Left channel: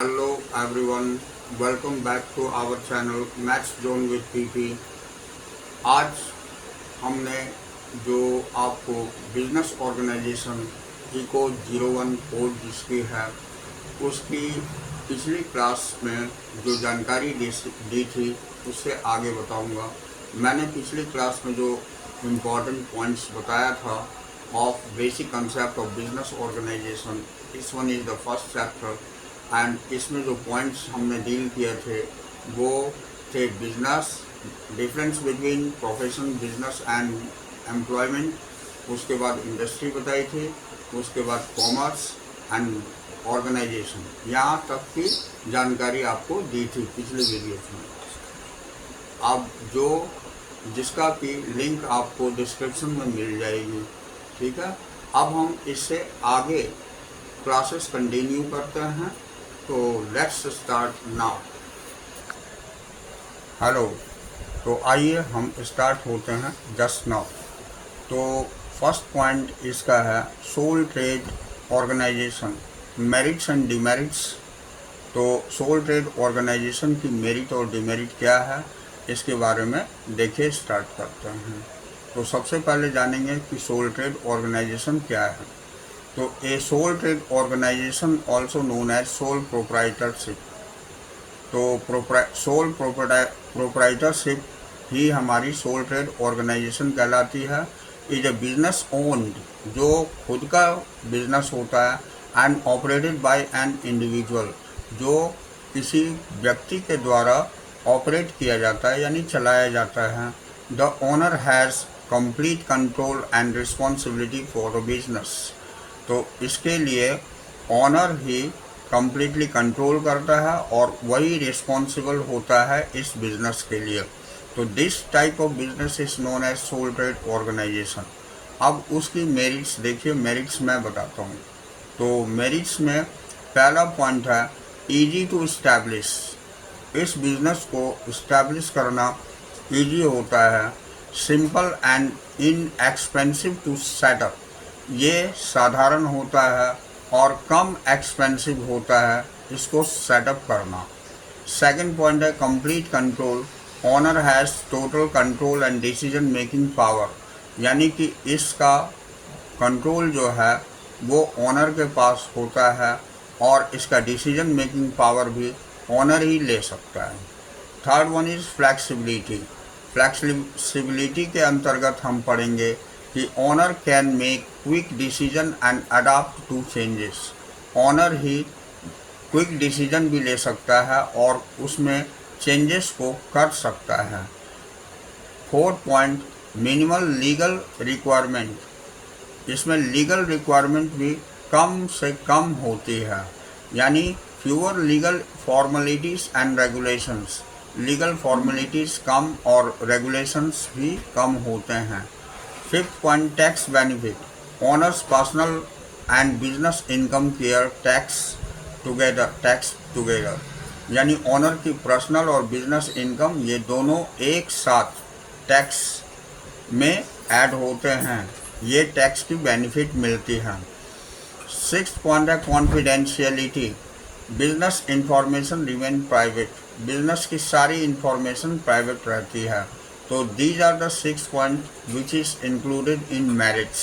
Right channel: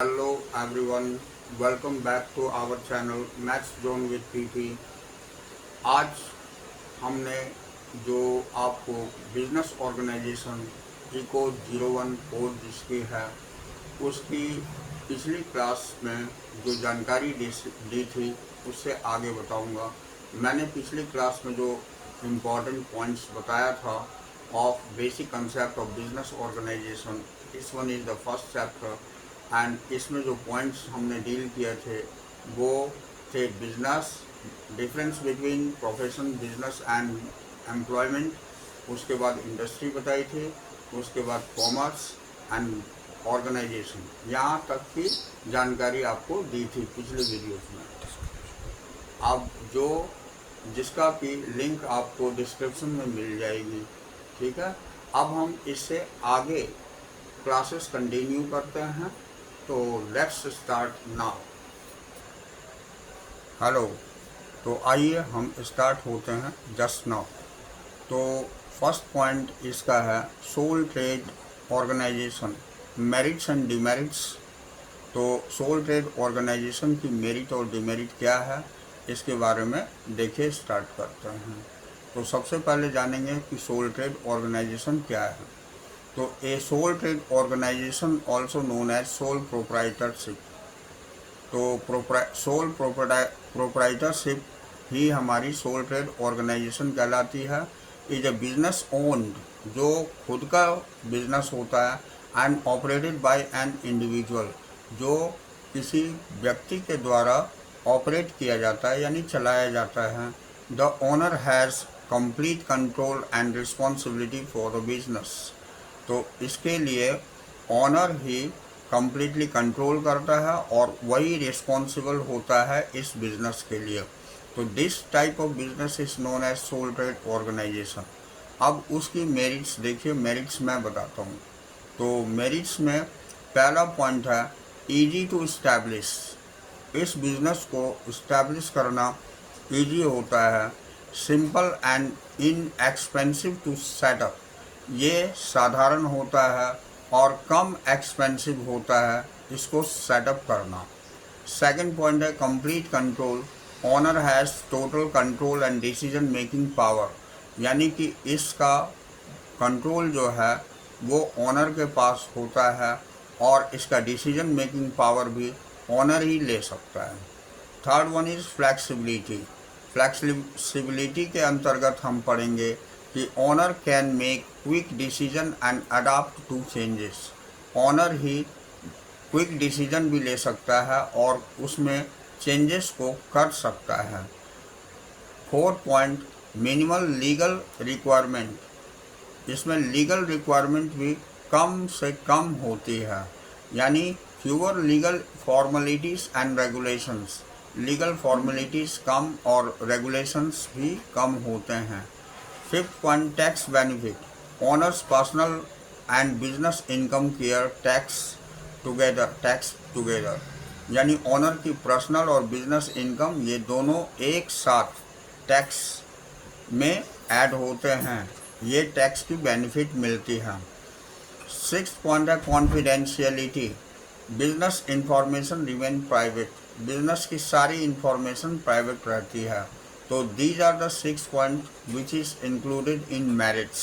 Hello everyone, welcome back to our channel Max Zone with PP। आज हमने जो आपको बिजनेस ऑर्गेनाइजेशन इको 01 कोड जिसकी है उसकी पिछली क्लास में जो जानकारी दी थी उससे आगे बताऊंगा। मैंने पिछली क्लास में जो इम्पोर्टेंट पॉइंट्स बताया था of basic concept of business organisation, this one is the first chapter. And इसमें जो पॉइंट्स हमने डील किए थे वो थे business, difference between profession business and employment, उसके बाद इंडस्ट्री बताई थी, उसके बाद कॉमर्स एंड ऑर्गेनाइजेशन, यहाँ तक की जानकारी आपको दी थी पिछले वीडियोस में। अब जो जिसका कि लिंक आपको डिस्क्रिप्शन में मिल जाएगी, ठीक है। अब हम इससे आगे क्लासेस कंटिन्यू करते हैं, तो लेट्स स्टार्ट नाउ। हेलो, तो आइए हम स्टार्ट होते हैं जस्ट नाउ। तो फर्स्ट पॉइंट इसका है sole trade organisation, merits and demerits. तो सोल ट्रेड ऑर्गेनाइजेशन की मेरिट और डिमेरिट क्या है इसके बारे में देखिए स्टार्ट करते हैं। तो सबसे पहले जानेंगे कि सोल ट्रेड ऑर्गेनाइजेशन क्या है। तो a sole trade organisation also known as sole proprietorship. तो सोल प्रोप्राइटरशिप ही हमारी सोल ट्रेड ऑर्गेनाइजेशन कहलाती है। इज ए बिजनेस ओन्ड, जो खुद का बिजनेस होता है, and operated by an individual, जो किसी व्यक्ति के द्वारा ऑपरेट किया जाता है यानी चलाया जाता है। The owner has complete control and responsibility for the business. तो इसके लिए ऑनर ही कम्प्लीटली कंट्रोल करता है और वही रिस्पॉन्सिबल होता है इस बिजनेस के लिए। तो this type of business is known as sole trade organisation. अब उसकी मेरिट्स देखिए, मेरिट्स मैं बताता हूँ। तो मेरिट्स में पहला पॉइंट है इजी टू इस्टेब्लिश। इस बिजनेस को इस्टेब्लिश करना इजी होता है। Simple and inexpensive to set up, ये साधारण होता है और कम एक्सपेंसिव होता है इसको सेटअप करना। सेकंड पॉइंट है complete control. Owner has total control and decision making power, यानी कि इसका कंट्रोल जो है वो ऑनर के पास होता है और इसका डिसीजन मेकिंग पावर भी ऑनर ही ले सकता है। Third one is flexibility. Flexibility के अंतर्गत हम पढ़ेंगे कि owner can make quick decision and adapt to changes. Owner ही क्विक डिसीजन भी ले सकता है और उसमें चेंजेस को कर सकता है। Fourth point minimal legal requirement. इसमें लीगल रिक्वायरमेंट भी कम से कम होती है, यानी fewer legal formalities and regulations. Legal formalities कम और रेगुलेशंस भी कम होते हैं। Fifth point tax benefit. Owners personal and business income care tax together, यानी ऑनर की पर्सनल और बिजनेस इनकम ये दोनों एक साथ टैक्स में ऐड होते हैं, ये टैक्स की बेनिफिट मिलती है। सिक्स्थ पॉइंट है confidentiality. Business information remain private, business की सारी इंफॉर्मेशन प्राइवेट रहती है। तो these are the 6 points which is included in merits.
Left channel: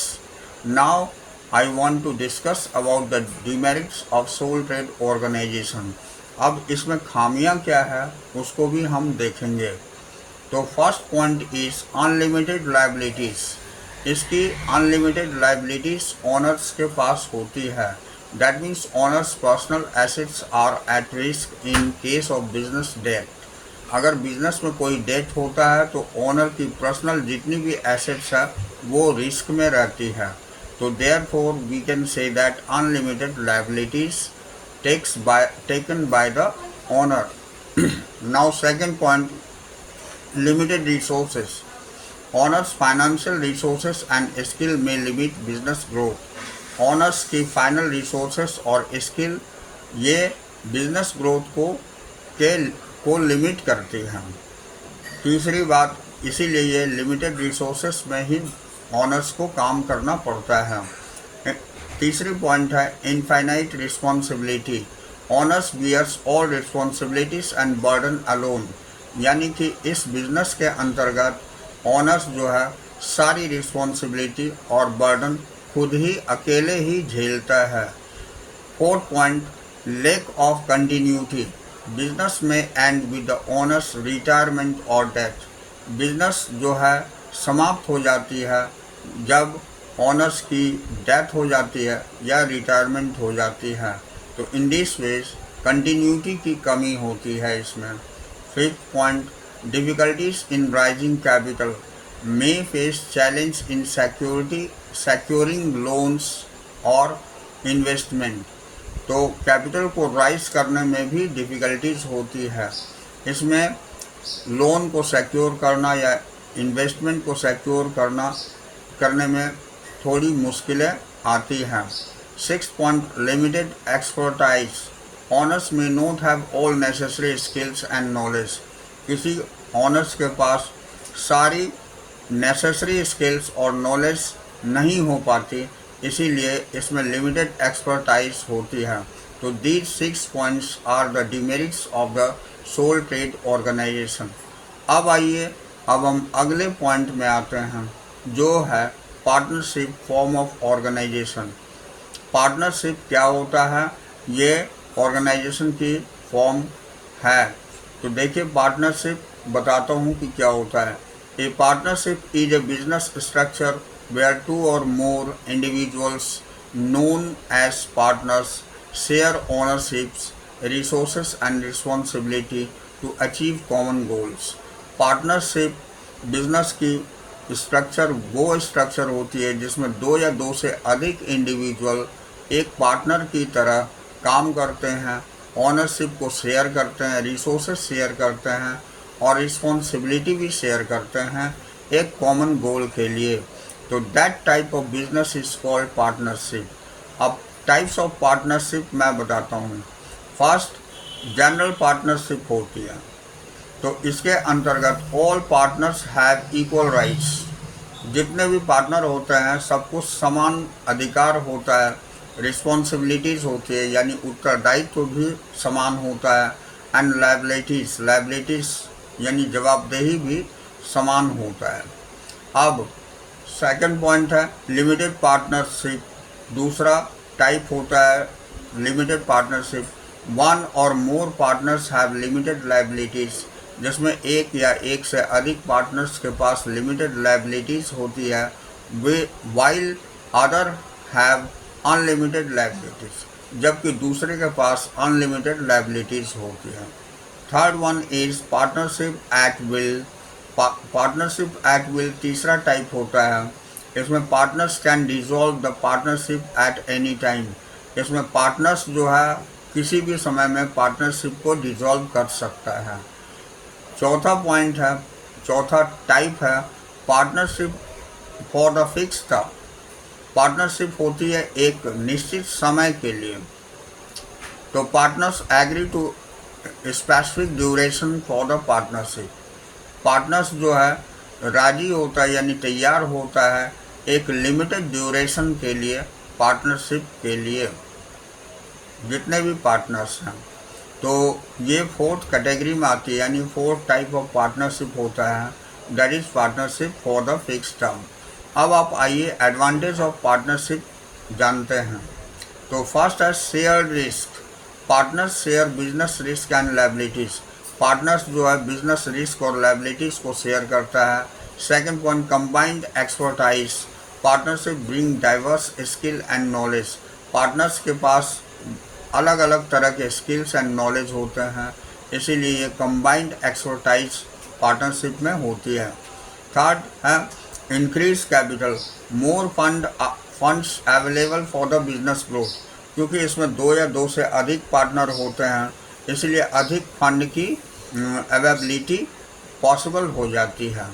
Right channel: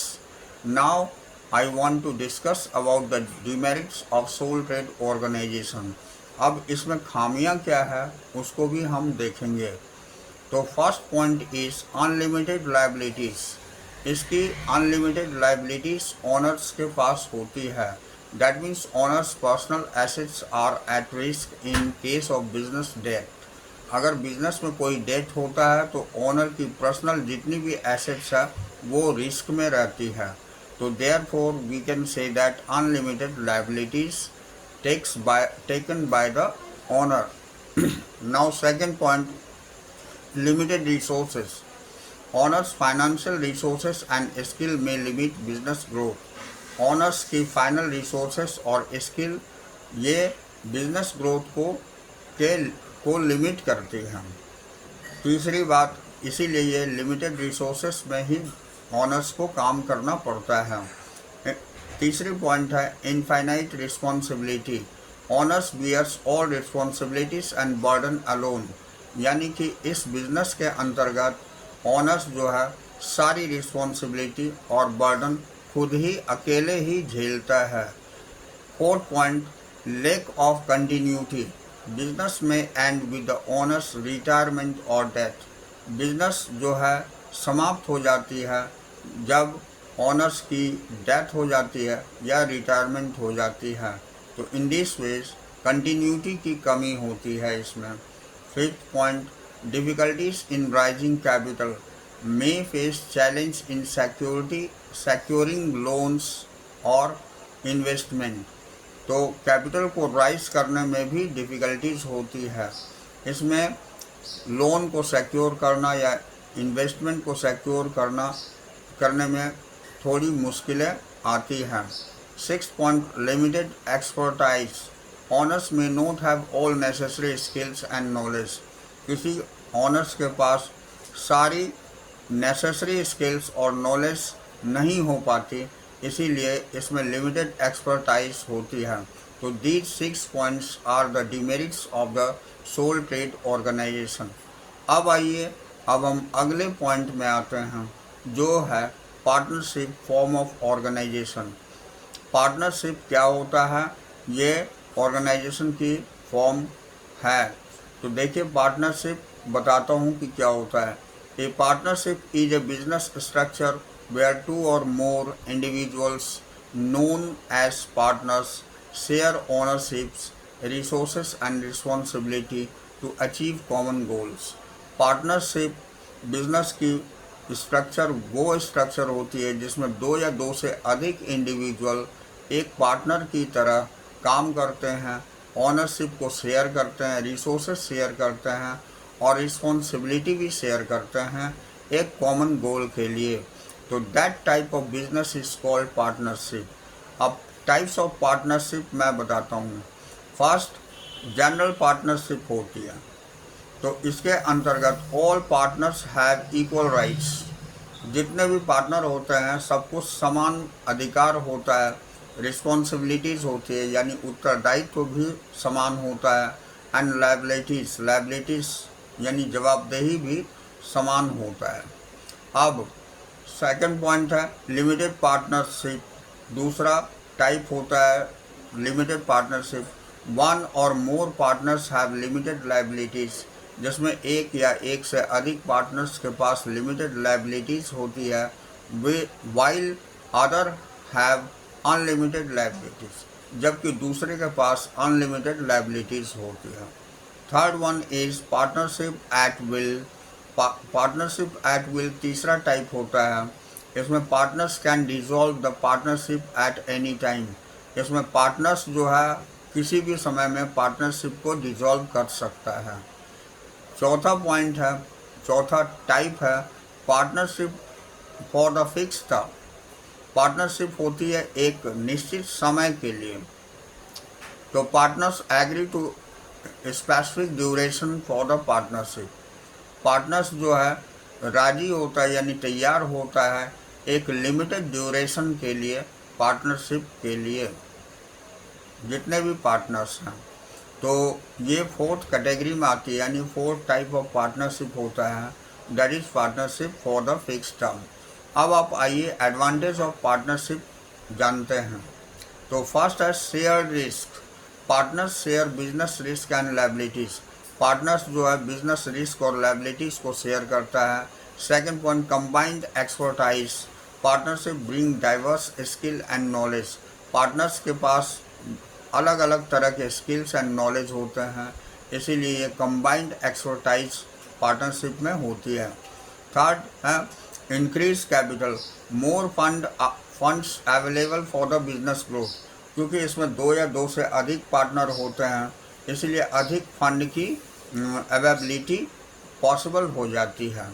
Now I want to discuss about the demerits of sole trade organization. अब इसमें खामियां क्या है उसको भी हम देखेंगे। तो first point is unlimited liabilities. इसकी अनलिमिटेड लायबिलिटीज़ ऑनर्स के पास होती है। That means owners personal assets are at risk in case of business death. अगर बिजनेस में कोई डेथ होता है तो ओनर की पर्सनल जितनी भी एसेट्स है वो रिस्क में रहती है। तो therefore we can say that unlimited liabilities taken by the owner. Now second point limited resources. Owners financial resources and skill में लिमिट बिजनेस ग्रोथ। ओनर्स की फाइनल रिसोर्सेस और स्किल ये बिजनेस ग्रोथ को limit करती हैं। तीसरी बात, इसीलिए ये लिमिटेड रिसोर्सेस में ही ऑनर्स को काम करना पड़ता है। तीसरी पॉइंट है infinite responsibility. Owners bears all responsibilities and burden alone, यानी कि इस बिजनेस के अंतर्गत ओनर्स जो है सारी रिस्पॉन्सिबिलिटी और बर्डन खुद ही अकेले ही झेलता है। Fourth point, lack of continuity, business में end with the owners retirement और डेथ, बिजनेस जो है समाप्त हो जाती है जब ओनर्स की डेथ हो जाती है या रिटायरमेंट हो जाती है, तो इन दिस वेज कंटिन्यूटी की कमी होती है इसमें। Fifth point, difficulties in raising capital, may face challenge in securing loans और इन्वेस्टमेंट, तो कैपिटल को राइज करने में भी डिफ़िकल्टीज होती है। इसमें लोन को सिक्योर करना या इन्वेस्टमेंट को सिक्योर करने में थोड़ी मुश्किलें आती हैं। Six point, limited expertise, owners may not have all necessary skills and knowledge, किसी ऑनर्स के पास सारी नेसेसरी स्किल्स और नॉलेज नहीं हो पाती, इसीलिए इसमें लिमिटेड एक्सपर्टाइज होती है। तो these 6 points are the demerits of the sole trade organisation. अब आइए, अब हम अगले पॉइंट में आते हैं जो है partnership form of organisation. Partnership क्या होता है, ये ऑर्गेनाइजेशन की फॉर्म है। तो देखिए, पार्टनरशिप बताता हूँ कि क्या होता है। ए partnership is a business structure where two or more individuals known as partners share ownerships, resources and responsibility to achieve common goals. Partnership business की स्ट्रक्चर वो स्ट्रक्चर होती है जिसमें दो या दो से अधिक इंडिविजुअल एक पार्टनर की तरह काम करते हैं, ऑनरशिप को शेयर करते हैं, रिसोर्सेज शेयर करते हैं और रिस्पॉन्सिबिलिटी भी शेयर करते हैं एक कॉमन गोल के लिए। तो that type of business is called partnership. अब टाइप्स ऑफ पार्टनरशिप मैं बताता हूँ। फर्स्ट, जनरल पार्टनरशिप होती है, तो इसके अंतर्गत all partners have equal rights, जितने भी पार्टनर होते हैं सबको समान अधिकार होता है, रिस्पॉन्सिबिलिटीज़ होती है यानी उत्तरदायित्व भी समान होता है, एंड लायबिलिटीज़ यानी जवाबदेही भी समान होता है। अब सेकंड पॉइंट है लिमिटेड पार्टनरशिप। दूसरा टाइप होता है लिमिटेड पार्टनरशिप, वन और मोर पार्टनर्स हैव लिमिटेड लायबिलिटीज़, जिसमें एक या एक से अधिक पार्टनर्स के पास लिमिटेड लायबिलिटीज़ होती है, वे while other have unlimited liabilities, जबकि दूसरे के पास अनलिमिटेड लायबिलिटीज़ होती है। Third one is partnership at will. Partnership at will तीसरा टाइप होता है, इसमें partners can dissolve the partnership at any time, इसमें पार्टनर्स जो है किसी भी समय में पार्टनरशिप को डिसॉल्व कर सकता है। चौथा टाइप है partnership for the fix term. Partnership होती है एक निश्चित समय के लिए, तो partners agree to specific duration for the partnership. Partners जो है राजी होता है यानी तैयार होता है एक लिमिटेड ड्यूरेशन के लिए पार्टनरशिप के लिए, जितने भी पार्टनर्स हैं। तो ये फोर्थ कैटेगरी में आती है, यानी फोर्थ टाइप ऑफ पार्टनरशिप होता है, that is partnership for the fix term. अब आप आइए एडवांटेज ऑफ पार्टनरशिप जानते हैं। तो फर्स्ट है share risk. Partners share business risk and liabilities. Partners जो है बिजनेस रिस्क और लायबिलिटीज़ को शेयर करता है। Second point, combined expertise. Partnership bring diverse skill and knowledge. Partners के पास अलग अलग तरह के स्किल्स एंड नॉलेज होते हैं, इसीलिए ये कंबाइंड एक्सपर्टाइज पार्टनरशिप में होती है। थर्ड है increase capital, more funds available for the business growth. क्योंकि इसमें दो या दो से अधिक पार्टनर होते हैं, इसलिए अधिक फंड की अवेलेबिलिटी पॉसिबल हो जाती है।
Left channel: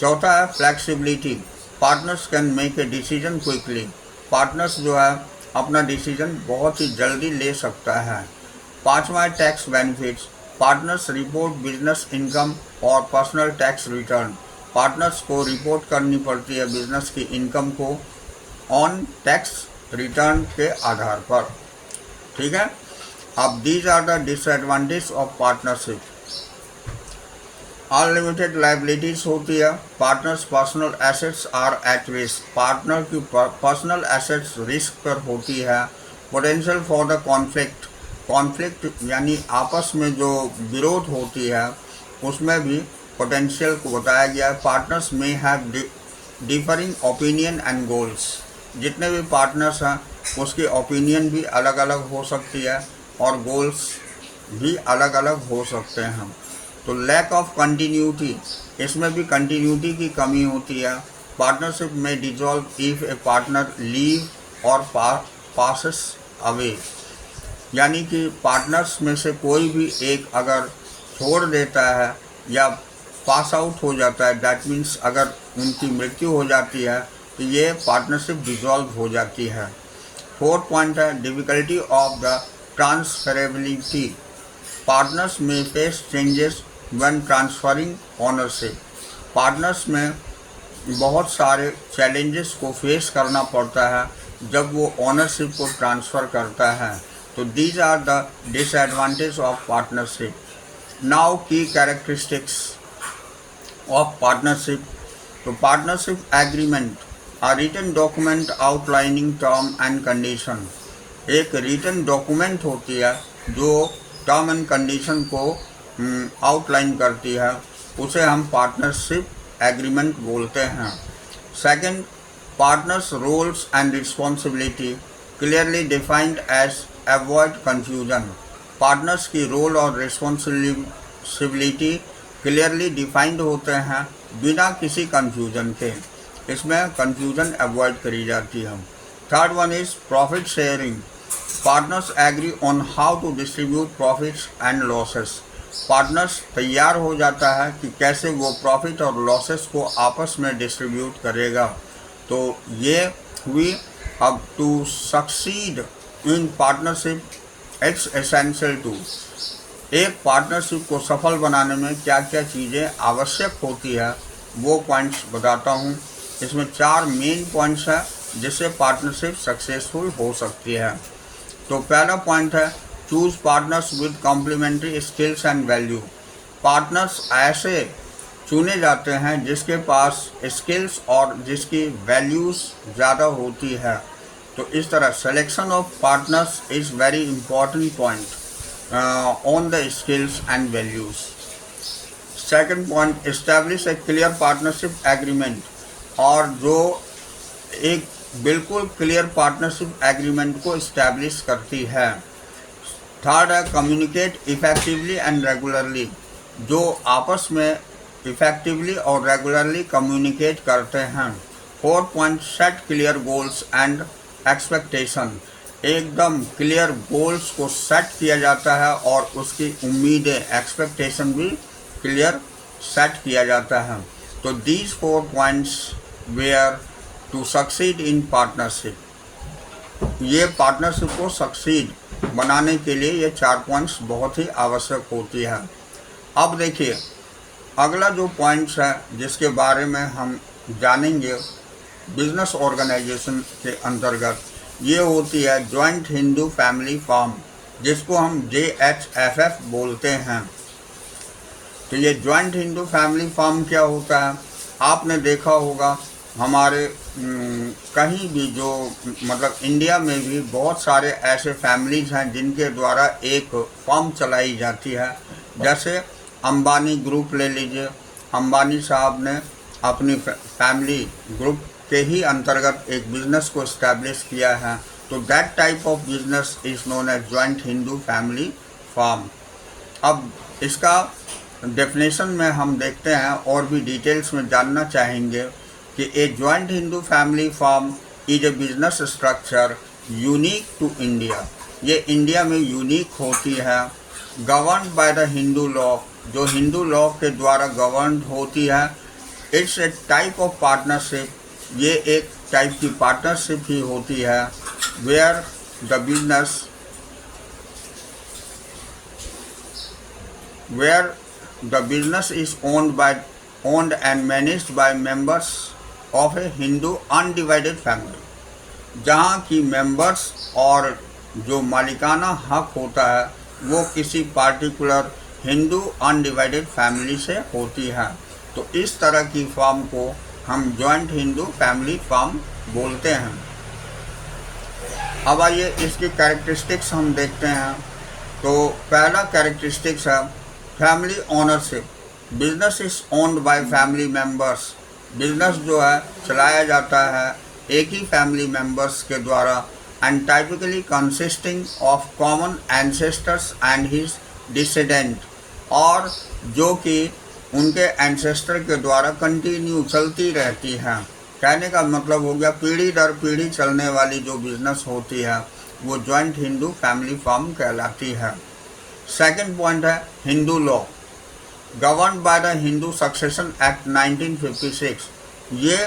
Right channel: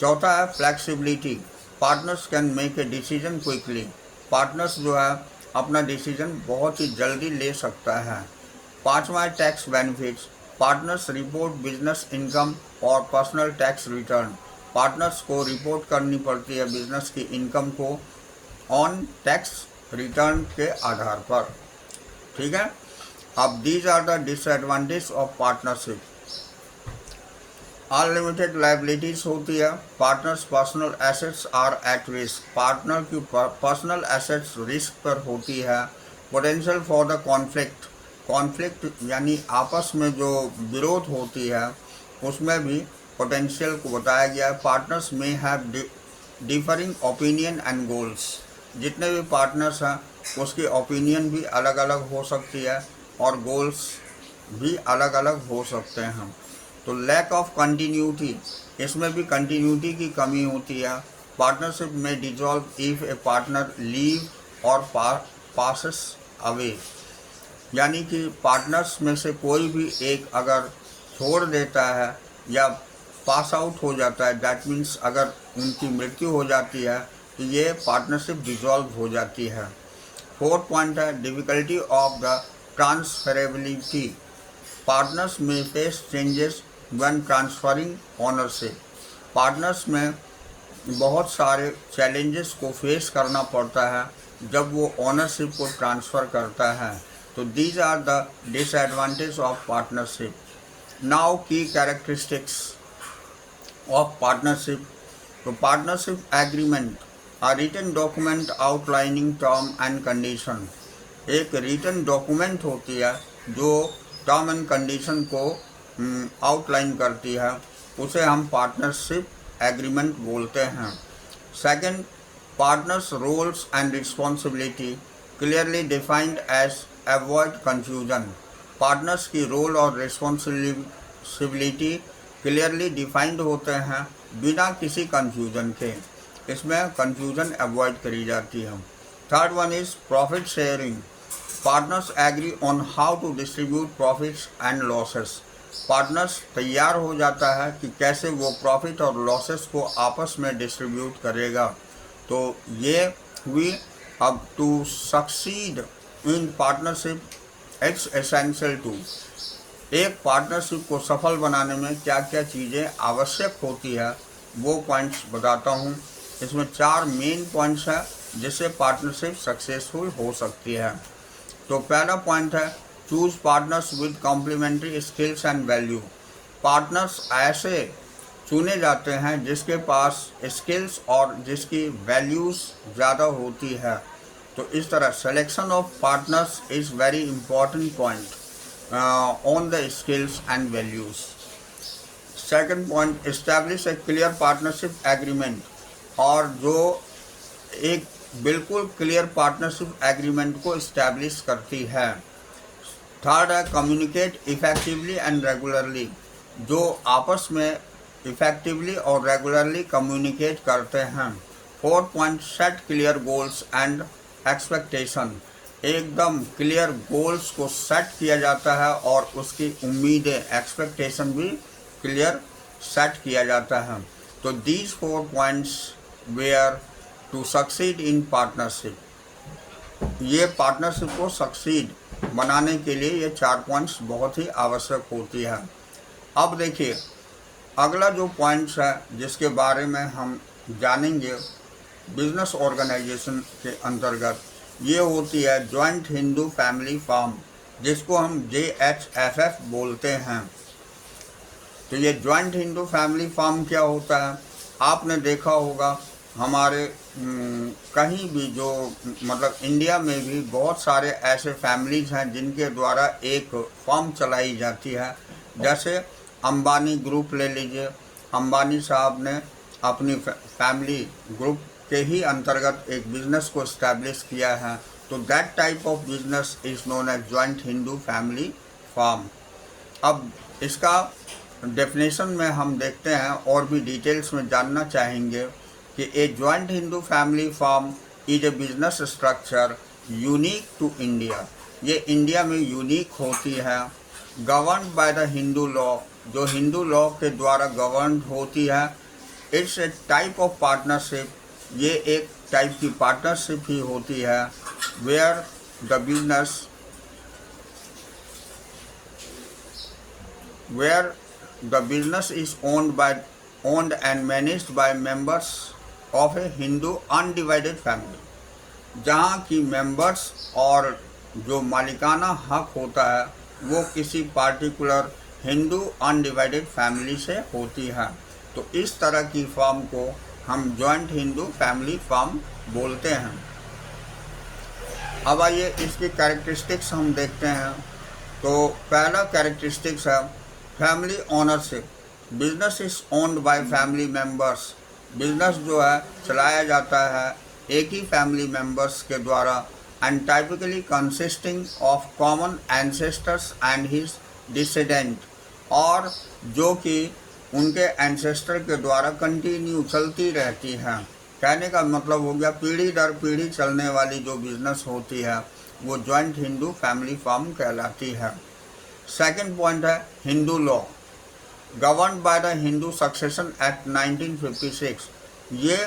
चौथा है flexibility. Partners can make a decision quickly. Partners जो है अपना डिसीजन बहुत ही जल्दी ले सकता है। पांचवा है tax benefits. Partners report business income और पर्सनल टैक्स रिटर्न। पार्टनर्स को रिपोर्ट करनी पड़ती है बिजनेस की इनकम को ऑन टैक्स रिटर्न के आधार पर, ठीक है। अब these are the disadvantages of partnership. Unlimited liabilities होती है, partners personal assets are at risk, partner की पर्सनल एसेट्स रिस्क पर होती है। Potential for the conflict, conflict यानी आपस में जो विरोध होती है उसमें भी पोटेंशियल को बताया गया है। पार्टनर्स में have differing opinion and goals, जितने भी पार्टनर्स हैं उसकी ओपिनियन भी अलग अलग हो सकती है और गोल्स भी अलग अलग हो सकते हैं। तो लैक ऑफ कंटिन्यूटी, इसमें भी कंटिन्यूटी की कमी होती है। पार्टनरशिप में dissolve if A partner leave और पासेस अवे, यानी कि पार्टनर्स में से कोई भी एक अगर छोड़ देता है या पास आउट हो जाता है, दैट मीन्स अगर उनकी मृत्यु हो जाती है तो ये पार्टनरशिप डिजॉल्व हो जाती है। फोर्थ पॉइंट है difficulty of the transferability, partners may face changes when transferring ownership, partners में बहुत सारे चैलेंजेस को फेस करना पड़ता है जब वो ओनरशिप को ट्रांसफ़र करता है। तो these are the disadvantage of partnership. Now key characteristics of partnership. तो partnership agreement, a written document outlining term and condition, एक रिटन डॉक्यूमेंट होती है जो टर्म एंड कंडीशन को आउटलाइन करती है, उसे हम पार्टनरशिप एग्रीमेंट बोलते हैं। Second, partners roles and responsibility clearly defined as avoid confusion, partners की रोल और रिस्पॉन्सिबिलिटी क्लियरली डिफाइंड होते हैं बिना किसी कंफ्यूजन के, इसमें कंफ्यूजन अवॉइड करी जाती है। Third one is profit sharing, partners agree on how to distribute profits and losses, partners तैयार हो जाता है कि कैसे वो प्रॉफिट और लॉसेस को आपस में डिस्ट्रीब्यूट करेगा। तो ये हुई। अब to succeed in partnership it's essential to, एक पार्टनरशिप को सफल बनाने में क्या क्या चीज़ें आवश्यक होती है वो पॉइंट्स बताता हूँ। इसमें 4 मेन पॉइंट्स हैं जिससे पार्टनरशिप सक्सेसफुल हो सकती है। तो पहला पॉइंट है choose partners with complementary skills and value, partners ऐसे चुने जाते हैं जिसके पास स्किल्स और जिसकी वैल्यूज़ ज़्यादा होती है। तो इस तरह selection of partners is very important point on the skills and values. Second point, establish A clear partnership agreement, और जो एक बिल्कुल क्लियर पार्टनरशिप एग्रीमेंट को इस्टेब्लिश करती है। थर्ड है कम्युनिकेट इफेक्टिवली एंड रेगुलरली, जो आपस में इफेक्टिवली और रेगुलरली कम्युनिकेट करते हैं। Fourth point, set clear goals and expectation, एकदम क्लियर गोल्स को सेट किया जाता है और उसकी उम्मीदें एक्सपेक्टेशन भी क्लियर सेट किया जाता है। तो these 4 points where to succeed in partnership, ये पार्टनरशिप को सक्सीड बनाने के लिए ये 4 पॉइंट्स बहुत ही आवश्यक होती है। अब देखिए अगला जो पॉइंट्स है जिसके बारे में हम जानेंगे बिजनेस ऑर्गेनाइजेशन के अंतर्गत, ये होती है जॉइंट हिंदू फैमिली फार्म, जिसको हम JHFF बोलते हैं। तो ये जॉइंट हिंदू फैमिली फार्म क्या होता है, आपने देखा होगा हमारे कहीं भी जो मतलब इंडिया में भी बहुत सारे ऐसे फैमिलीज़ हैं जिनके द्वारा एक फर्म चलाई जाती है। जैसे अंबानी ग्रुप ले लीजिए, अंबानी साहब ने अपनी फैमिली ग्रुप के ही अंतर्गत एक बिज़नेस को इस्टेब्लिश किया है। तो that type of business is known as joint Hindu family firm. अब इसका डेफिनेशन में हम देखते हैं और भी डिटेल्स में जानना चाहेंगे कि a joint Hindu family firm is a business structure unique to India, ये इंडिया में यूनिक होती है। Govern by the Hindu law, जो हिंदू लॉ के द्वारा गवर्न होती है। It's a type of partnership, ये एक टाइप की पार्टनरशिप ही होती है। Where the business is owned and managed by members of a Hindu undivided family, जहाँ की मेंबर्स और जो मालिकाना हक होता है वो किसी पार्टिकुलर हिंदू अनडिवाइडेड फैमिली से होती है। तो इस तरह की फॉर्म को हम जॉइंट हिंदू फैमिली फॉर्म बोलते हैं। अब आइए इसकी कैरेक्टरिस्टिक्स हम देखते हैं। तो पहला कैरेक्टरिस्टिक्स है family ownership. Business is owned by family members. Business जो है चलाया जाता है एक ही फैमिली मेंबर्स के द्वारा, and typically consisting of common ancestors and his descendant, और जो कि उनके एंसेस्टर के द्वारा कंटिन्यू चलती रहती है। कहने का मतलब हो गया पीढ़ी दर पीढ़ी चलने वाली जो बिजनेस होती है वो जॉइंट हिंदू फैमिली फॉर्म कहलाती है। सेकंड पॉइंट है Hindu law. Govern by the Hindu succession act 1956। ये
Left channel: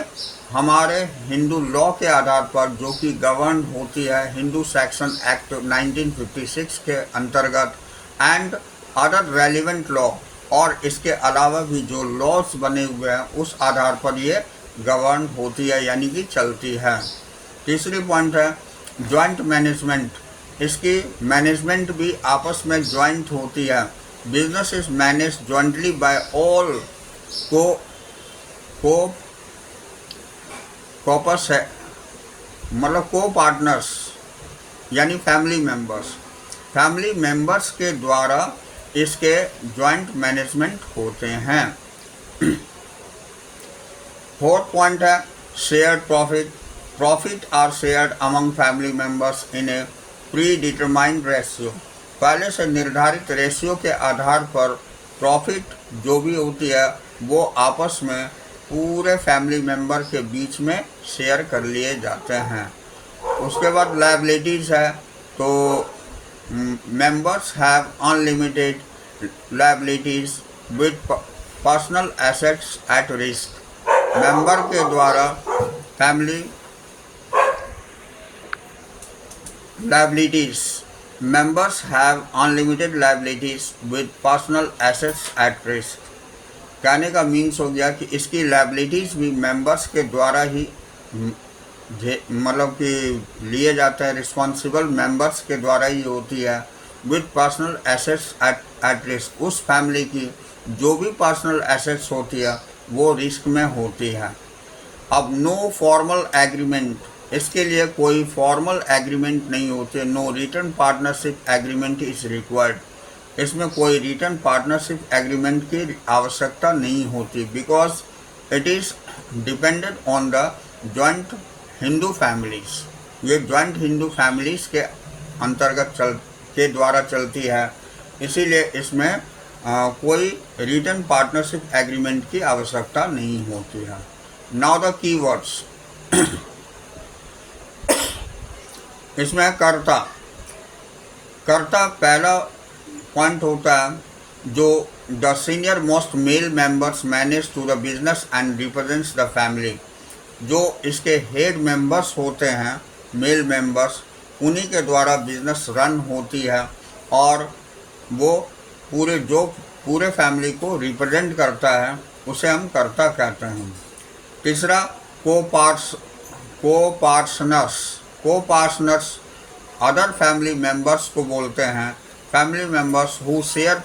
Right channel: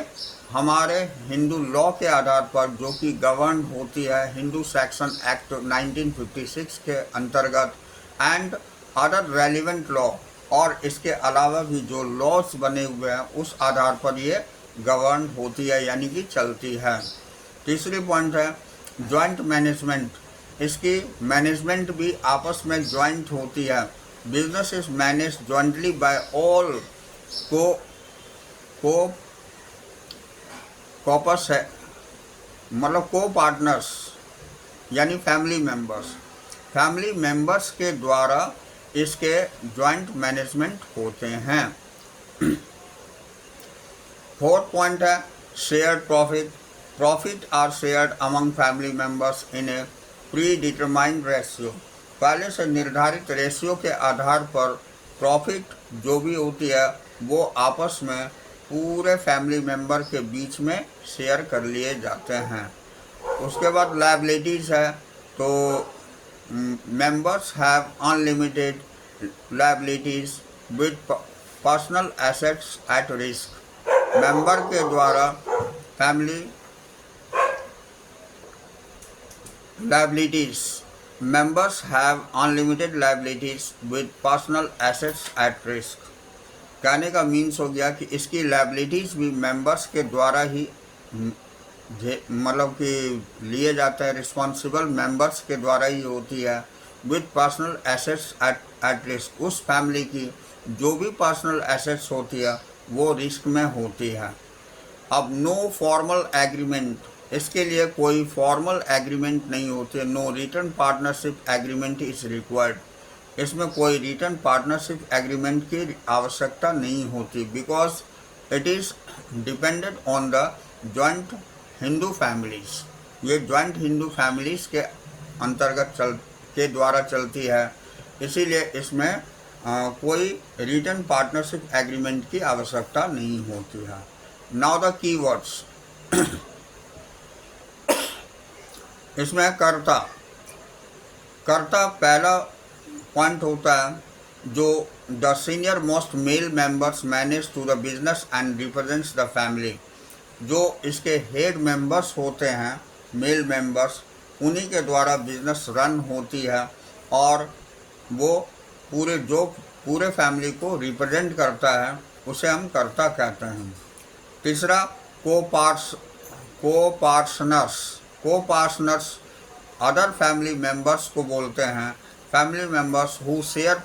हमारे हिंदू लॉ के आधार पर जो कि गवर्न होती है हिंदू सेक्शन एक्ट 1956 के अंतर्गत, एंड अदर रेलिवेंट लॉ, और इसके अलावा भी जो लॉज बने हुए हैं उस आधार पर ये गवर्न होती है यानी कि चलती है। तीसरी पॉइंट है जॉइंट मैनेजमेंट। इसकी मैनेजमेंट भी आपस में जॉइंट होती है। Business is manage jointly by all कॉपर्स है, मतलब को पार्टनर्स यानी फैमिली मेंबर्स के द्वारा इसके जॉइंट मैनेजमेंट होते हैं। फोर्थ पॉइंट है shared profit. Profit are shared among family members in a predetermined ratio. पहले से निर्धारित रेशियो के आधार पर प्रॉफिट जो भी होती है वो आपस में पूरे फैमिली मेंबर के बीच में शेयर कर लिए जाते हैं। उसके बाद लायबिलिटीज़ है, तो members have unlimited liabilities with personal assets at risk. Member के द्वारा family liabilities, members have unlimited liabilities with personal assets at risk. कहने का मीन्स हो गया कि इसकी लायबिलिटीज़ भी मेंबर्स के द्वारा ही मतलब कि लिए जाते हैं, रिस्पॉन्सिबल मेंबर्स के द्वारा ही होती है। With personal assets at risk, उस फैमिली की जो भी पर्सनल एसेट्स होती है वो रिस्क में होती है। अब नो फॉर्मल एग्रीमेंट, इसके लिए कोई फॉर्मल एग्रीमेंट नहीं होती। No written partnership agreement is required. इसमें कोई रिटर्न पार्टनरशिप एग्रीमेंट की आवश्यकता नहीं होती, because it is depended on the joint Hindu families. ये जॉइंट हिंदू फैमिलीज़ के अंतर्गत के द्वारा चलती है, इसीलिए इसमें कोई रिटर्न पार्टनरशिप एग्रीमेंट की आवश्यकता नहीं होती है। Now the keywords. इसमें कर्ता पहला पॉइंट होता है जो the senior most male members manage to the business and represents the family. जो इसके हेड मेंबर्स होते हैं मेल मेंबर्स, उन्हीं के द्वारा बिजनेस रन होती है और वो पूरे फैमिली को रिप्रेजेंट करता है, उसे हम कर्ता कहते हैं। तीसरा को-पार्टनर्स अदर फैमिली मेंबर्स को बोलते हैं। Family members who share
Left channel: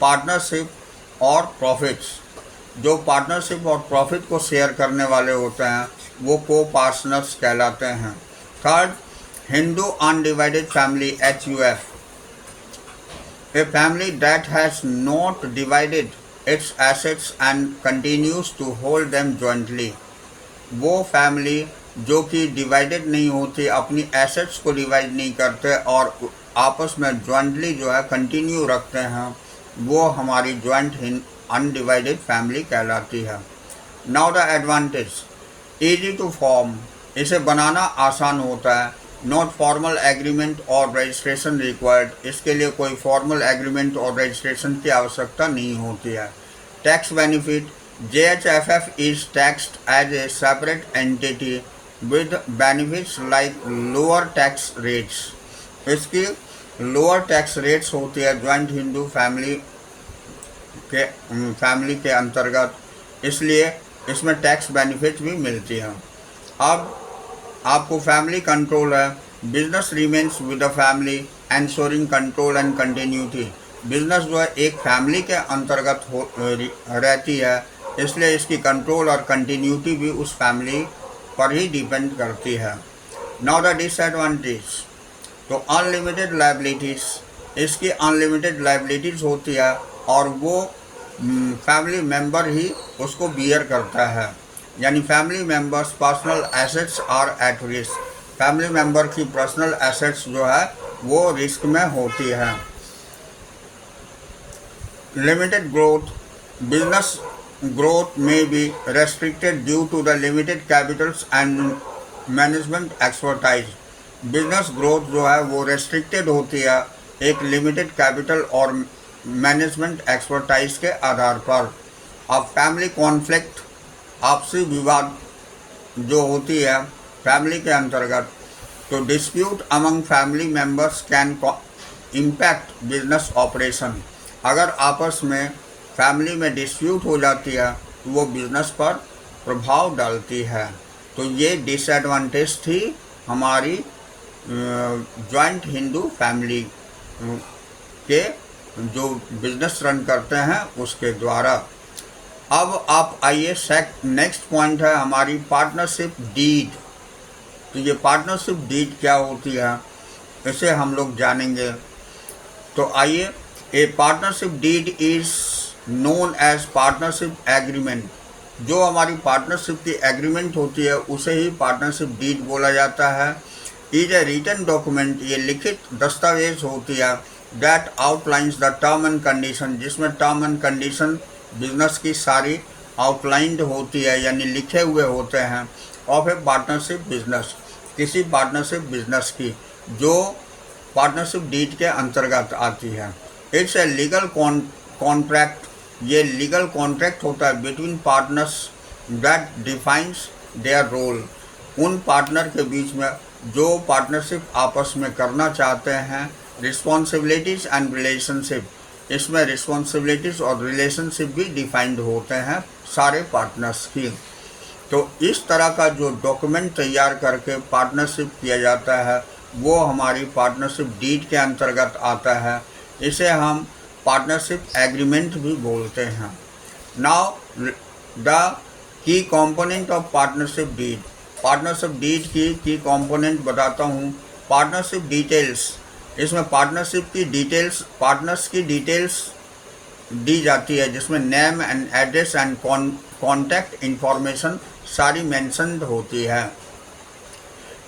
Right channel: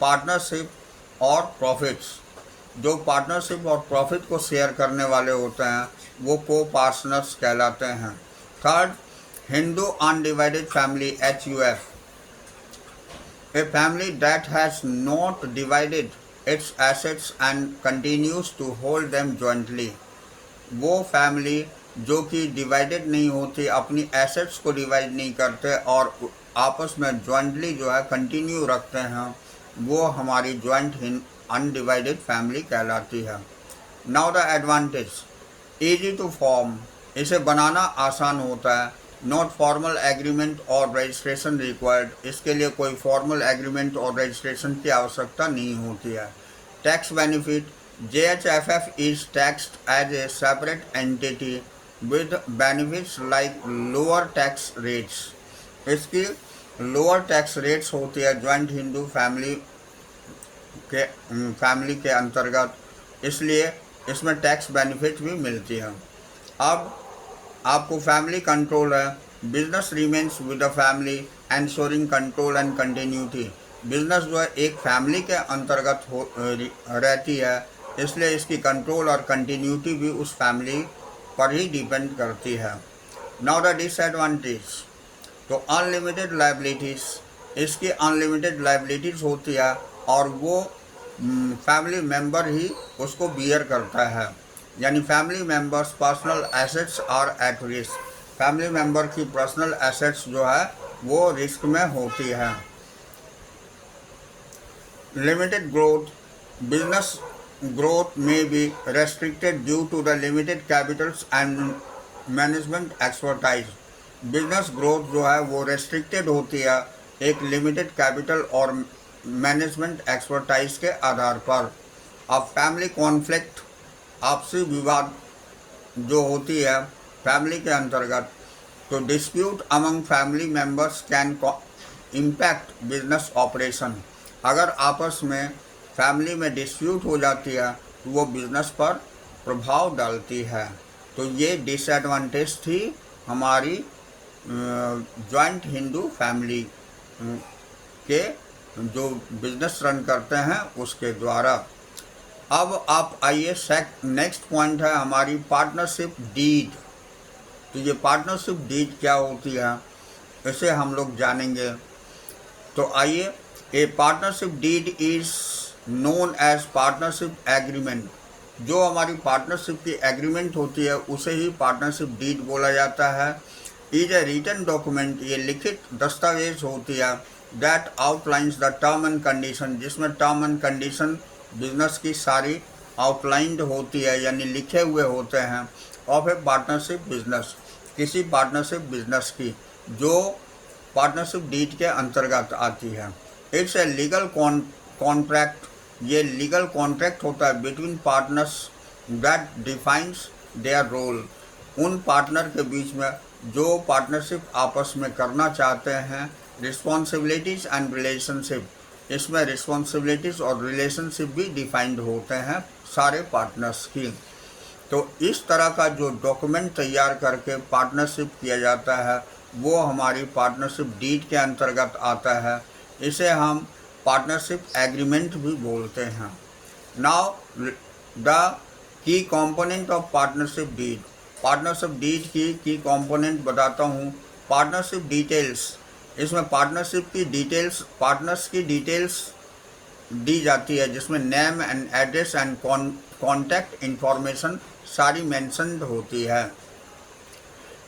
partnership और प्रॉफिट्स, जो पार्टनरशिप और प्रॉफिट को शेयर करने वाले होते हैं वो को-पार्टनर्स कहलाते हैं। Third, Hindu undivided family HUF, a family that has not divided its assets and continues to hold them jointly। वो फैमिली जो कि डिवाइडेड नहीं होती, अपनी एसेट्स को डिवाइड नहीं करते और आपस में जॉइंटली जो है कंटिन्यू रखते हैं, वो हमारी जॉइंट अनडिवाइडेड फैमिली कहलाती है। Now the advantage, easy to form, इसे बनाना आसान होता है। नॉट फॉर्मल एग्रीमेंट और रजिस्ट्रेशन रिक्वायर्ड, इसके लिए कोई फॉर्मल एग्रीमेंट और रजिस्ट्रेशन की आवश्यकता नहीं होती है। Tax benefit, JHFF is taxed as a separate entity with benefits like lower tax rates। इसकी लोअर टैक्स रेट्स होती है जॉइंट हिंदू फैमिली के अंतर्गत, इसलिए इसमें टैक्स बेनिफिट भी मिलती है। अब आपको फैमिली कंट्रोल है, business remains with the family ensuring control and continuity. Business जो है एक फैमिली के अंतर्गत रहती है, इसलिए इसकी कंट्रोल और कंटिन्यूटी भी उस फैमिली पर ही डिपेंड करती है। नाउ द डिसएडवांटेज, तो अनलिमिटेड लाइबिलिटीज़, इसकी अनलिमिटेड लाइबिलिटीज़ होती है और वो फैमिली मेंबर ही उसको बियर करता है, यानी family members personal assets are at risk. Family member की पर्सनल एसेट्स जो है वो रिस्क में होती है। Limited growth, business growth may be restricted due to the limited capitals and management expertise। Business growth जो है वो रेस्ट्रिक्टेड होती है एक लिमिटेड कैपिटल और मैनेजमेंट एक्सपर्टाइज के आधार पर। अब फैमिली कॉन्फ्लिक्ट, आपसी विवाद जो होती है फैमिली के अंतर्गत, तो dispute among family members can impact business operation. अगर आपस में फैमिली में डिस्प्यूट हो जाती है तो वो बिजनेस पर प्रभाव डालती है। तो ये डिसएडवांटेज थी हमारी जॉइंट हिंदू फैमिली के जो बिजनेस रन करते हैं उसके द्वारा। अब आप आइए नेक्स्ट पॉइंट है हमारी पार्टनरशिप डीड। तो ये पार्टनरशिप डीड क्या होती है इसे हम लोग जानेंगे। तो आइए, a partnership deed is known as partnership agreement. जो हमारी पार्टनरशिप की एग्रीमेंट होती है उसे ही पार्टनरशिप डीड बोला जाता है। इज ए रिटन डॉक्यूमेंट, ये लिखित दस्तावेज होती है that outlines the term and condition, जिसमें टर्म एंड कंडीशन बिजनेस की सारी आउटलाइंड होती है यानी लिखे हुए होते हैं ऑफ ए पार्टनरशिप बिजनेस, किसी पार्टनरशिप बिजनेस की जो पार्टनरशिप डीड के अंतर्गत आती है। इट्स ए लीगल कॉन्ट्रैक्ट, ये लीगल कॉन्ट्रैक्ट होता है between partners that defines their role. उन पार्टनर के बीच में जो पार्टनरशिप आपस में करना चाहते हैं, रिस्पॉन्सिबिलिटीज़ एंड रिलेशनशिप, इसमें रिस्पॉन्सिबिलिटीज़ और रिलेशनशिप भी डिफाइंड होते हैं सारे पार्टनर्स की। तो इस तरह का जो डॉक्यूमेंट तैयार करके पार्टनरशिप किया जाता है वो हमारी पार्टनरशिप डीड के अंतर्गत आता है। इसे हम पार्टनरशिप एग्रीमेंट भी बोलते हैं। Now the key component of partnership deed, partnership deed की कंपोनेंट बताता हूँ। पार्टनरशिप डिटेल्स, इसमें पार्टनरशिप की डिटेल्स, पार्टनर्स की डिटेल्स दी जाती है जिसमें name and address and contact information सारी मेंशन्ड होती है।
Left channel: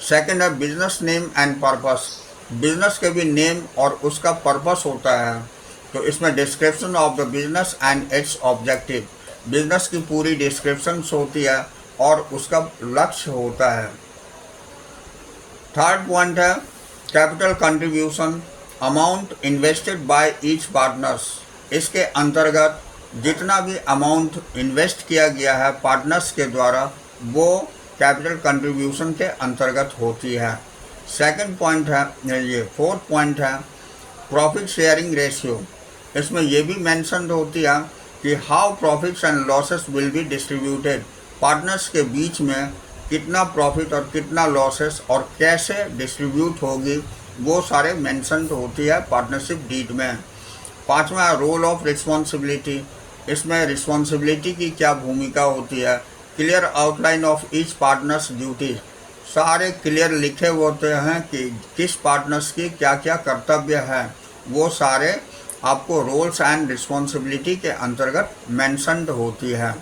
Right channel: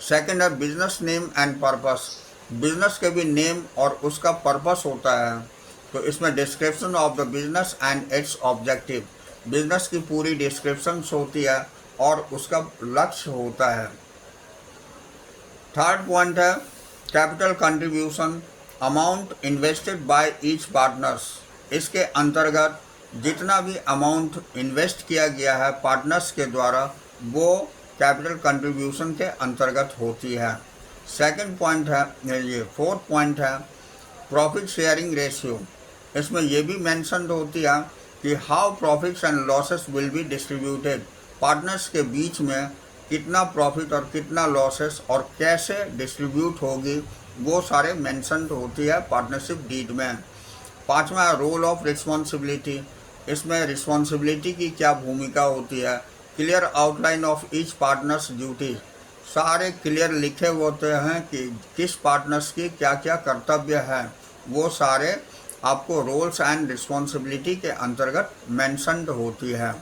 सेकंड है business name and purpose, business के भी नेम और उसका पर्पस होता है। तो इसमें description of the business and it's objective, business की पूरी डिस्क्रिप्शन होती है और उसका लक्ष्य होता है। थर्ड पॉइंट है capital contribution, amount invested by each partners, इसके अंतर्गत जितना भी अमाउंट इन्वेस्ट किया गया है पार्टनर्स के द्वारा वो कैपिटल कंट्रीब्यूशन के अंतर्गत होती है। सेकंड पॉइंट है, ये फोर्थ पॉइंट है प्रॉफिट शेयरिंग रेशियो, इसमें ये भी मेंशन होती है कि how profits and losses will be distributed, partners के बीच में कितना प्रॉफिट और कितना लॉसेस और कैसे डिस्ट्रीब्यूट होगी वो सारे मेंशन होती है पार्टनरशिप डीड में। पांचवा रोल ऑफ रिस्पॉन्सिबिलिटी, इसमें रिस्पॉन्सिबिलिटी की क्या भूमिका होती है। Clear outline of each partners duty, सारे क्लियर लिखे होते हैं कि किस पार्टनर्स की क्या क्या कर्तव्य है, वो सारे आपको रोल्स एंड रिस्पॉन्सिबिलिटी के अंतर्गत मेंशन्ड होती है।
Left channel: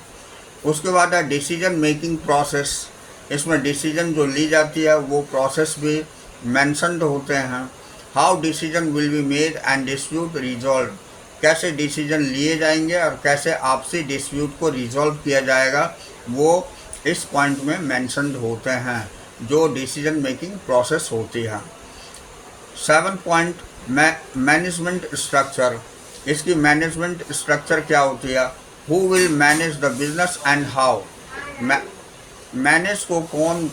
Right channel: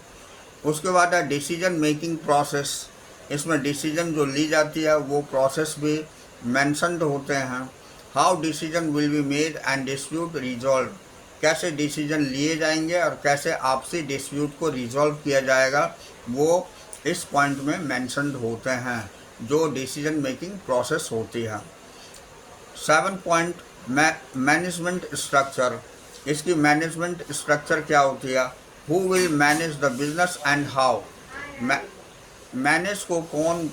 उसके बाद है डिसीजन मेकिंग प्रोसेस, इसमें डिसीजन जो ली जाती है वो प्रोसेस भी मेंशन्ड होते हैं। How decision will be made and dispute resolve, कैसे डिसीजन लिए जाएंगे और कैसे आपसी डिस्प्यूट को रिजॉल्व किया जाएगा वो इस पॉइंट में मेंशन्ड होते हैं जो डिसीजन मेकिंग प्रोसेस होती है। 7 पॉइंट मैनेजमेंट स्ट्रक्चर, इसकी मैनेजमेंट स्ट्रक्चर क्या होती है। Who will manage the business and how, manage को कौन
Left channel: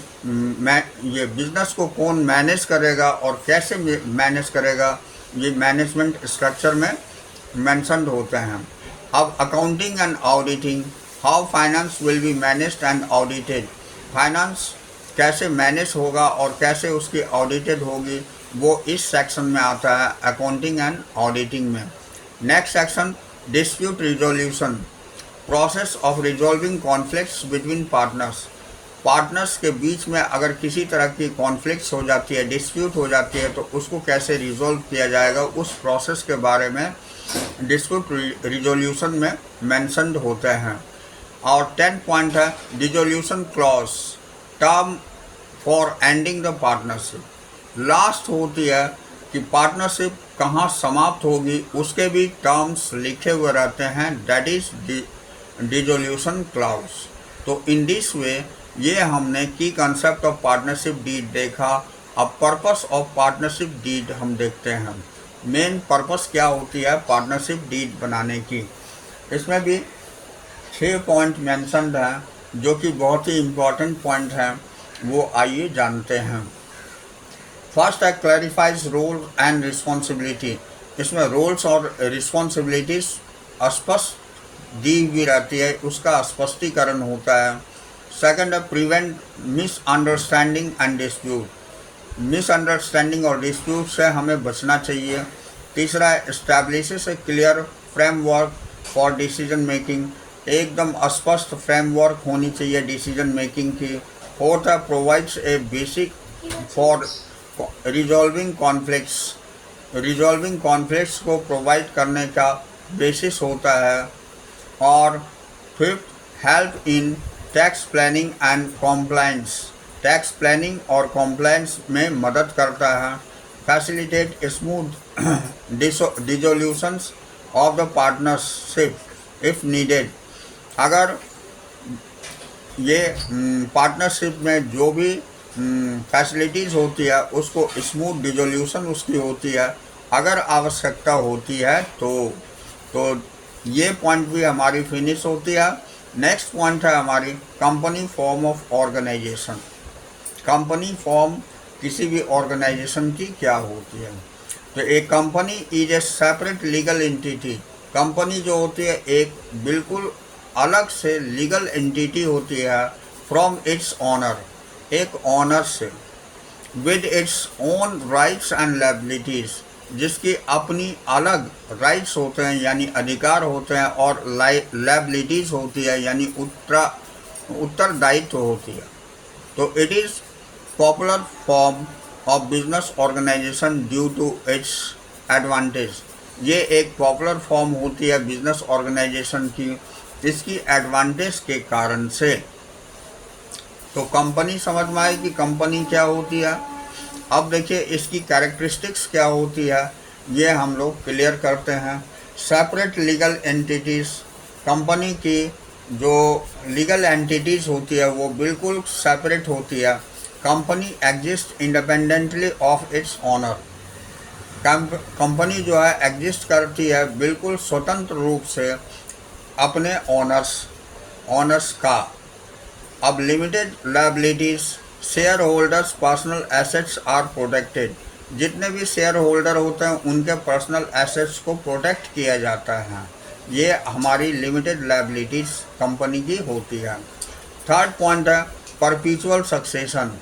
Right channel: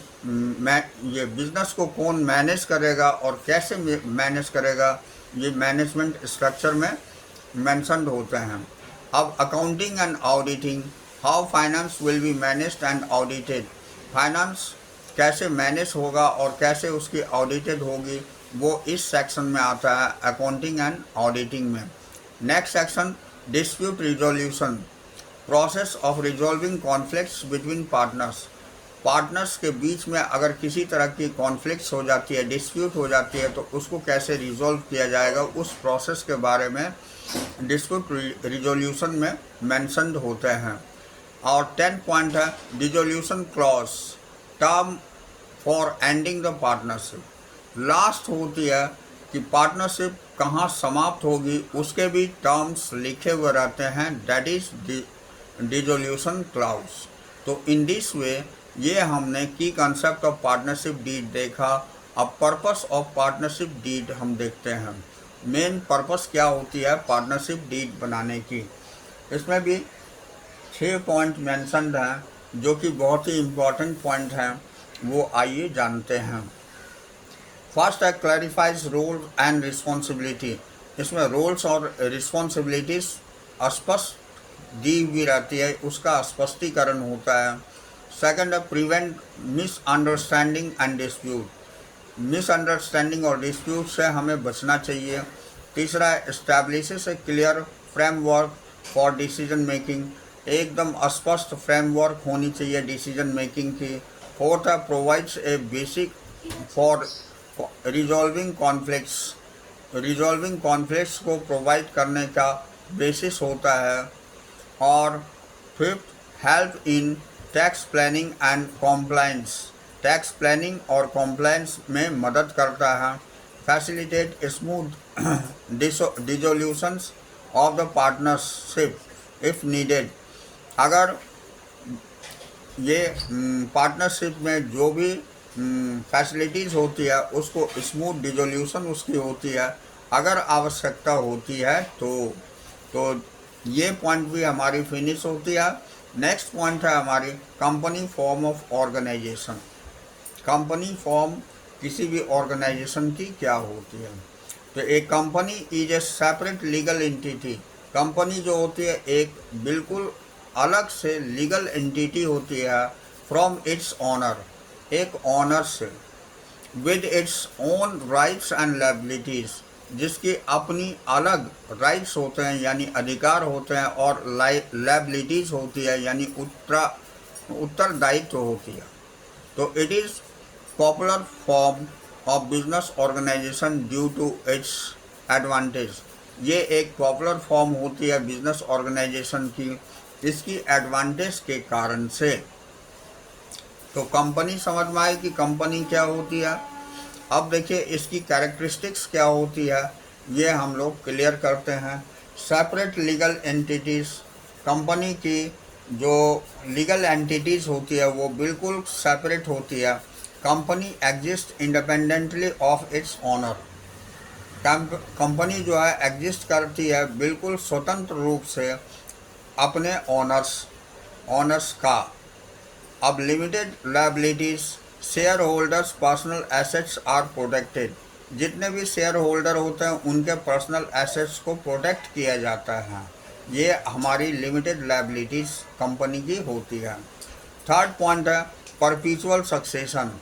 ये बिजनेस को कौन मैनेज करेगा और कैसे मैनेज करेगा, ये मैनेजमेंट स्ट्रक्चर में मेंशन्ड होते हैं। अब accounting and auditing, how finance will be managed and audited, finance कैसे मैनेज होगा और कैसे उसकी ऑडिटेड होगी, वो इस सेक्शन में आता है, अकाउंटिंग एंड ऑडिटिंग में। Next section, dispute resolution, process of resolving conflicts between partners. Partners के बीच में अगर किसी तरह की कॉन्फ्लिक्ट्स हो जाती है, डिस्प्यूट हो जाती है, तो उसको कैसे रिजॉल्व किया जाएगा, उस प्रोसेस के बारे में डिस्प्यूट रिजोल्यूशन में मेंशन्ड होते हैं। और 10 पॉइंट है dissolution clause, term for ending the partnership. Last होती है कि पार्टनरशिप कहाँ समाप्त होगी, उसके भी टर्म्स लिखे हुए रहते हैं, दैट इज डिजोल्यूशन क्लॉज। तो इन दिस वे ये हमने की कंसेप्ट ऑफ पार्टनरशिप डीड देखा। अब पर्पस ऑफ पार्टनरशिप डीड हम देखते हैं। मेन पर्पस क्या होती है पार्टनरशिप डीड बनाने की, इसमें भी 6 पॉइंट मेंशन्ड हैं जो कि बहुत ही इम्पोर्टेंट पॉइंट हैं, वो आइए जानते हैं। फर्स्ट है क्लैरिफाइज रोल एंड रिस्पॉन्सिबिलिटी। इसमें रोल्स और रिस्पॉन्सिबिलिटीज स्पष्ट दी हुई रहती है, उसका स्पष्टीकरण होता है। सेकंड है prevent misunderstanding and dispute. Misunderstanding और डिस्प्यूट से हमें बचना चाहिए। तीसरा है establishes a clear framework for decision making. एकदम स्पष्ट फ्रेमवर्क होनी चाहिए डिसीजन मेकिंग की। फोर्थ है provides a basic for resolving conflicts. Resolving conflicts को प्रोवाइड करने का बेसिस होता है। और fifth help in tax planning and compliance. Tax planning और कॉम्प्लायंस में मदद करता है। Facilitate smooth dissolutions of the partnership if needed. अगर ये पार्टनरशिप में जो भी फैसिलिटीज़ होती है उसको स्मूथ डिसोल्यूशन उसकी होती है, अगर आवश्यकता होती है तो ये पॉइंट भी हमारी फिनिश होती है। नेक्स्ट पॉइंट है हमारी company form of organization. Company form किसी भी ऑर्गेनाइजेशन की क्या होती है, तो एक company is a separate legal entity. Company जो होती है एक बिल्कुल अलग से लीगल एंटिटी होती है फ्रॉम इट्स ऑनर, एक ऑनर से, with its own rights and liabilities, जिसकी अपनी अलग राइट्स होते हैं यानी अधिकार होते हैं, और लायबिलिटीज़ होती है यानी उत्तरदायित्व होती है। तो it is popular form of business organization due to its advantage. ये एक पॉपुलर फॉर्म होती है बिजनेस ऑर्गेनाइजेशन की, इसकी एडवांटेज के कारण से। तो कंपनी समझ में आए कि कंपनी क्या होती है। अब देखिए इसकी कैरेक्टरिस्टिक्स क्या होती है, ये हम लोग क्लियर करते हैं। सेपरेट लीगल एंटिटीज़, कंपनी की जो लीगल एंटिटीज़ होती है वो बिल्कुल सेपरेट होती है। Company exist independently of its owner. Company जो है एग्जिस्ट करती है बिल्कुल स्वतंत्र रूप से अपने ऑनर्स का। अब limited liabilities, share holders personal assets are protected. जितने भी शेयर होल्डर होते हैं उनके पर्सनल एसेट्स को प्रोटेक्ट किया जाता है। ये हमारी लिमिटेड लायबिलिटीज़ कंपनी की होती है। थर्ड पॉइंट है परपीचुअल सक्सेशन।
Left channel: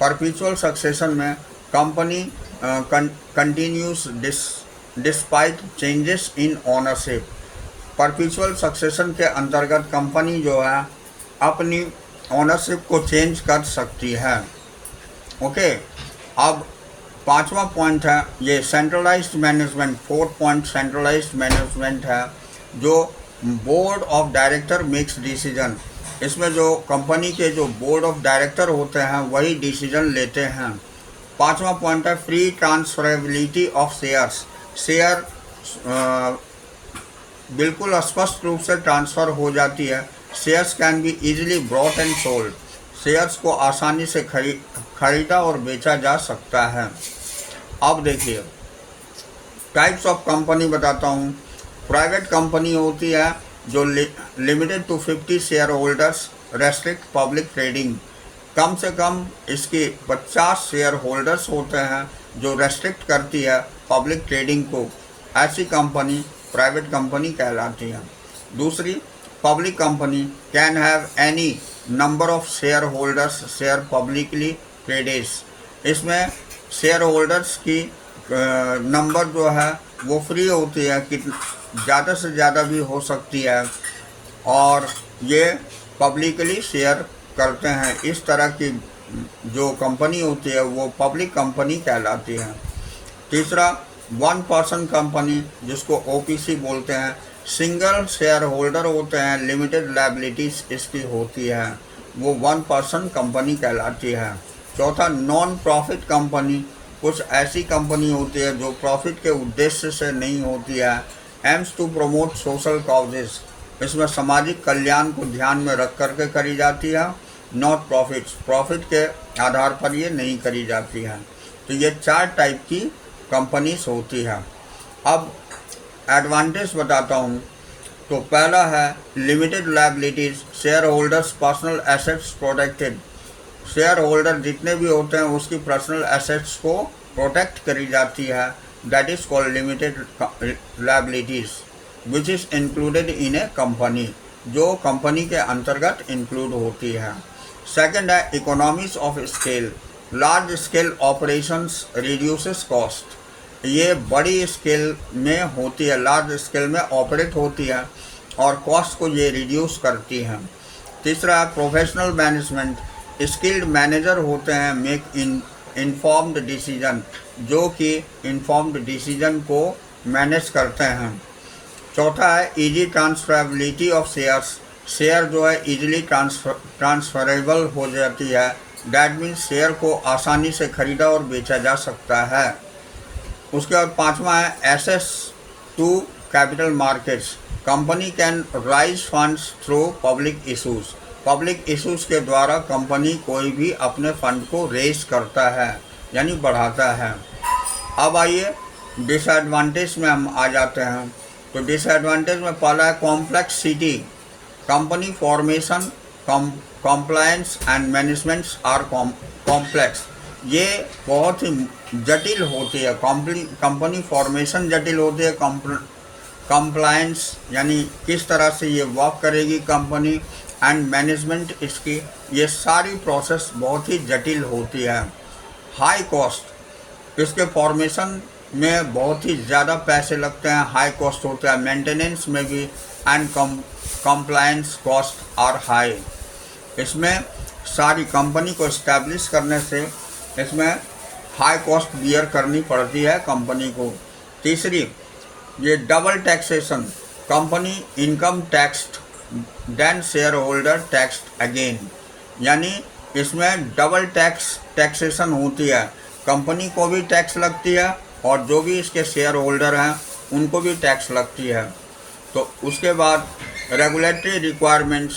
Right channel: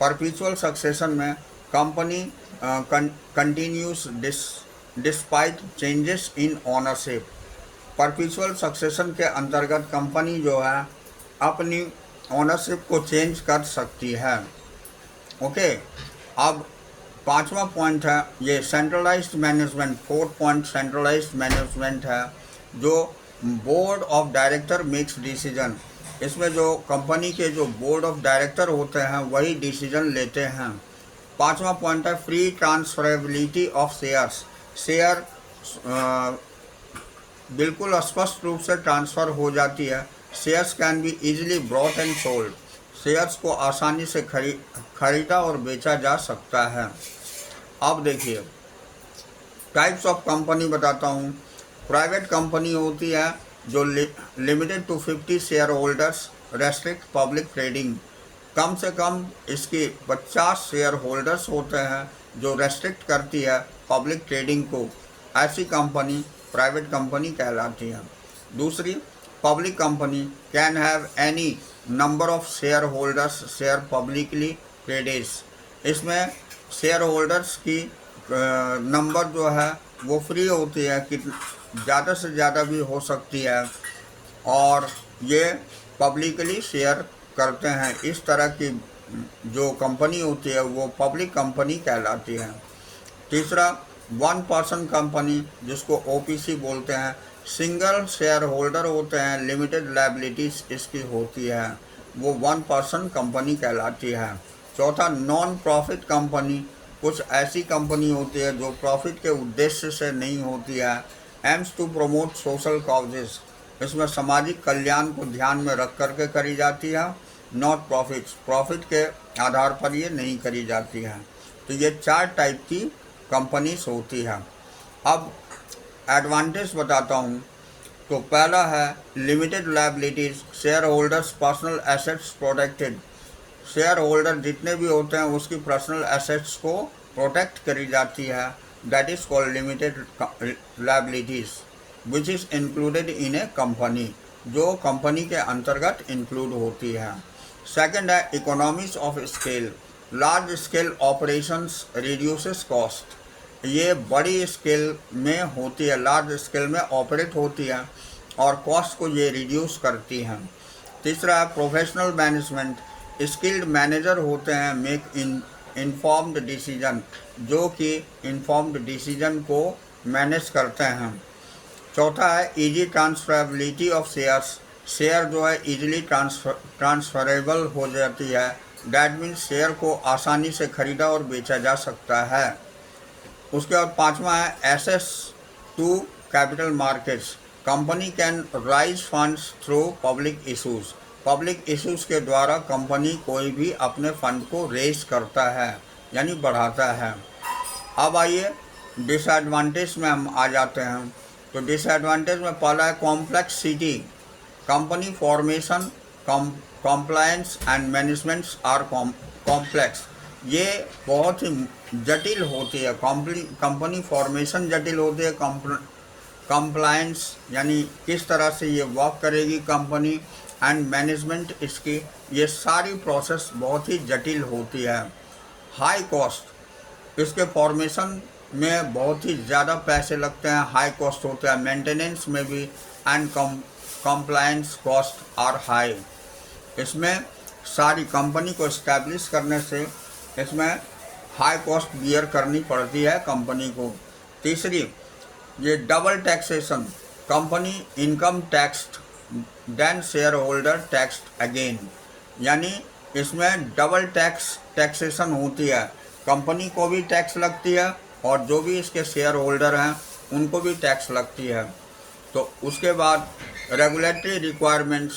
परपीचुअल सक्सेशन में company continuous despite changes in ownership. परपीचुअल succession के अंतर्गत कंपनी जो है अपनी ओनरशिप को चेंज कर सकती है। ओके, अब पांचवा पॉइंट है ये centralised management. Fourth point centralised management है, जो board of director makes decision. इसमें जो कंपनी के जो बोर्ड ऑफ डायरेक्टर होते हैं वही डिसीजन लेते हैं। पांचवा पॉइंट है free transferability of shares. Share बिल्कुल स्पष्ट रूप से ट्रांसफ़र हो जाती है। Shares can be easily brought and sold. Shares को आसानी से खरीदा और बेचा जा सकता है। अब देखिए टाइप्स ऑफ कंपनी बताता हूँ। प्राइवेट कंपनी होती है जो limited to 50 shareholders, restrict public trading. कम से कम इसके 50 शेयर होल्डर्स होते हैं जो रेस्ट्रिक्ट करती है पब्लिक ट्रेडिंग को। ऐसी कंपनी प्राइवेट कंपनी कहलाती है। दूसरी public company can have any number of shareholders share publicly traded। इसमें शेयर होल्डर्स की नंबर जो है वो फ्री होती है, कि ज़्यादा से ज़्यादा भी हो सकती है, और ये पब्लिकली शेयर करते हैं। इस तरह की जो कंपनी होती है वो पब्लिक कंपनी कहलाती है। तीसरा, वन पर्सन कंपनी, जिसको ओपीसी बोलते हैं, सिंगल शेयर होल्डर होते हैं, लिमिटेड लायबिलिटीज इसकी होती है, वो वन पर्सन कंपनी कहलाती है। चौथा, नॉन प्रॉफिट कंपनी, कुछ ऐसी कंपनी होती है जो प्रॉफिट के उद्देश्य से नहीं होती है, aims to promote social causes, इसमें सामाजिक कल्याण को ध्यान में रख करके करी जाती है, नॉट प्रॉफिट, प्रॉफिट के आधार पर ये नहीं करी जाती है। तो ये 4 टाइप की कंपनीज होती है। अब एडवांटेज बताता हूँ। तो पहला है limited liabilities, share holders personal assets protected, share holder जितने भी होते हैं उसकी पर्सनल एसेट्स को प्रोटेक्ट करी जाती है, that is called limited liabilities which is included in A company, जो कंपनी के अंतर्गत इंक्लूड होती है। सेकंड है economies of scale, large scale operations reduces cost, ये बड़ी स्केल में होती है, लार्ज स्केल में ऑपरेट होती है और कॉस्ट को ये रिड्यूस करती है। तीसरा है प्रोफेशनल मैनेजमेंट, स्किल्ड मैनेजर होते हैं, मेक इन्फॉर्म्ड डिसीजन, जो कि इन्फॉर्म्ड डिसीजन को मैनेज करते हैं। चौथा है easy transferability of shares, share जो है इजीली ट्रांसफरेबल हो जाती है, दैट मीन्स शेयर को आसानी से खरीदा और बेचा जा सकता है। उसके बाद पांचवा है access to capital markets, company can raise funds through public issues, public issues के द्वारा कंपनी कोई भी अपने फंड को रेज करता है, यानी बढ़ाता है। अब आइए डिसएडवांटेज में हम आ जाते हैं। तो डिसएडवांटेज में पहला है complexity, company formation, compliance and managements are complex, ये बहुत ही जटिल होती है। कंपनी फॉर्मेशन जटिल होती है, कंप्लायंस यानी किस तरह से ये वर्क करेगी कंपनी, एंड मैनेजमेंट इसकी, ये सारी प्रोसेस बहुत ही जटिल होती है। हाई कॉस्ट, इसके फॉर्मेशन में बहुत ही ज़्यादा पैसे लगते हैं, हाई कॉस्ट होता है, मेंटेनेंस में भी, and compliance cost are high. इसमें सारी कंपनी को इस्टेब्लिश करने से इसमें हाई कॉस्ट बियर करनी पड़ती है कंपनी को। तीसरी, ये double taxation, company income taxed then share holder taxed again, यानी इसमें डबल टैक्सेशन होती है, कंपनी को भी टैक्स लगती है और जो भी इसके शेयर होल्डर हैं उनको भी टैक्स लगती है। तो उसके बाद रेगुलेटरी रिक्वायरमेंट्स,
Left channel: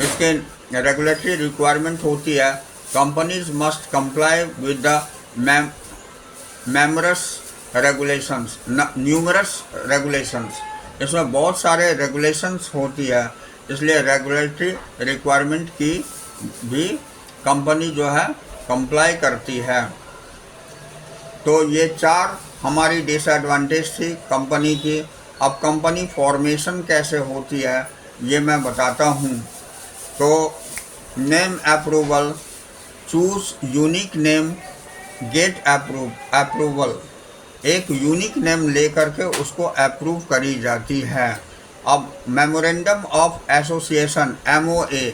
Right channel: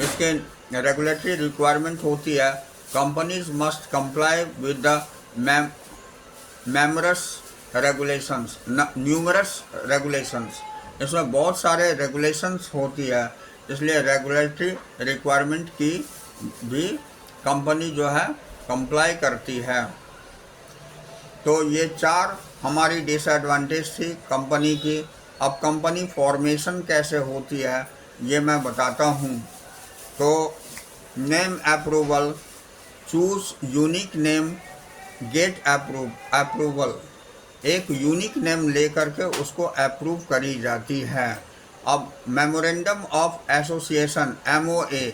इसके रेगुलेटरी रिक्वायरमेंट होती है, companies must comply with the numerous regulations, इसमें बहुत सारे रेगुलेशंस होती है, इसलिए रेगुलेटरी रिक्वायरमेंट की भी कंपनी जो है कंप्लाई करती है। तो ये 4 हमारी डिसएडवांटेज थी कंपनी की। अब कंपनी फॉर्मेशन कैसे होती है ये मैं बताता हूँ। तो name approval, choose unique name, get approval, एक यूनिक नेम लेकर के उसको अप्रूव करी जाती है। अब memorandum of association MOA,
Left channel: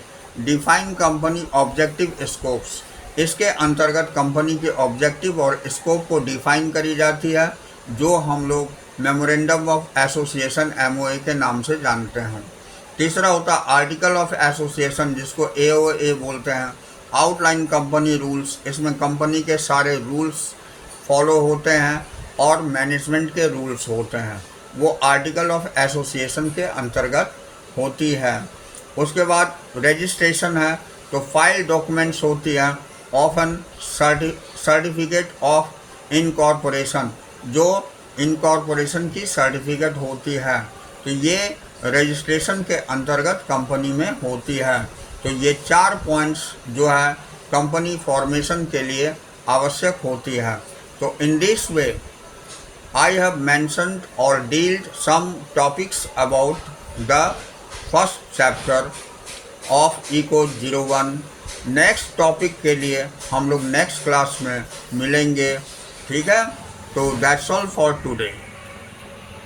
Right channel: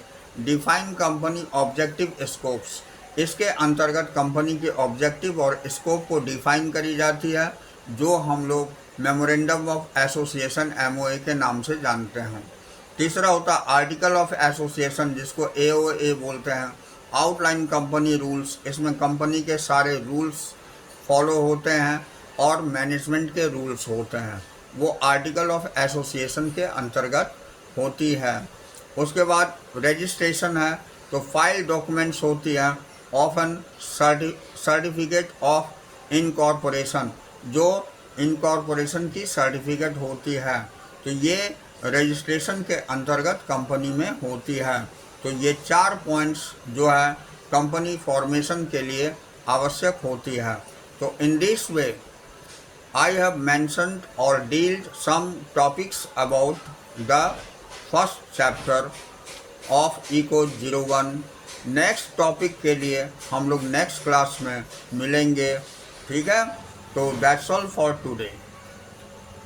define company objective scopes, इसके अंतर्गत कंपनी के ऑब्जेक्टिव और स्कोप को डिफाइन करी जाती है, जो हम लोग मेमोरेंडम ऑफ एसोसिएशन MOA के नाम से जानते हैं। तीसरा होता है आर्टिकल ऑफ एसोसिएशन, जिसको AOA बोलते हैं, आउटलाइन कंपनी रूल्स, इसमें कंपनी के सारे रूल्स फॉलो होते हैं और मैनेजमेंट के रूल्स होते हैं, वो आर्टिकल ऑफ एसोसिएशन के अंतर्गत होती है। उसके बाद रजिस्ट्रेशन है, तो फाइल डॉक्यूमेंट्स होती है, ऑफन सर्टिफिकेट ऑफ इनकॉर्पोरेशन, जो इनकॉर्पोरेशन की सर्टिफिकेट होती है, तो ये रजिस्ट्रेशन के अंतर्गत कंपनी में होती है। तो ये 4 पॉइंट्स जो है कंपनी फॉर्मेशन के लिए आवश्यक होती है। तो in this way I have mentioned or dealt some topics about the first chapter of eco 01। Next topic के लिए हम लोग नेक्स्ट क्लास में मिलेंगे, ठीक है। तो दैट्स ऑल फॉर टुडे।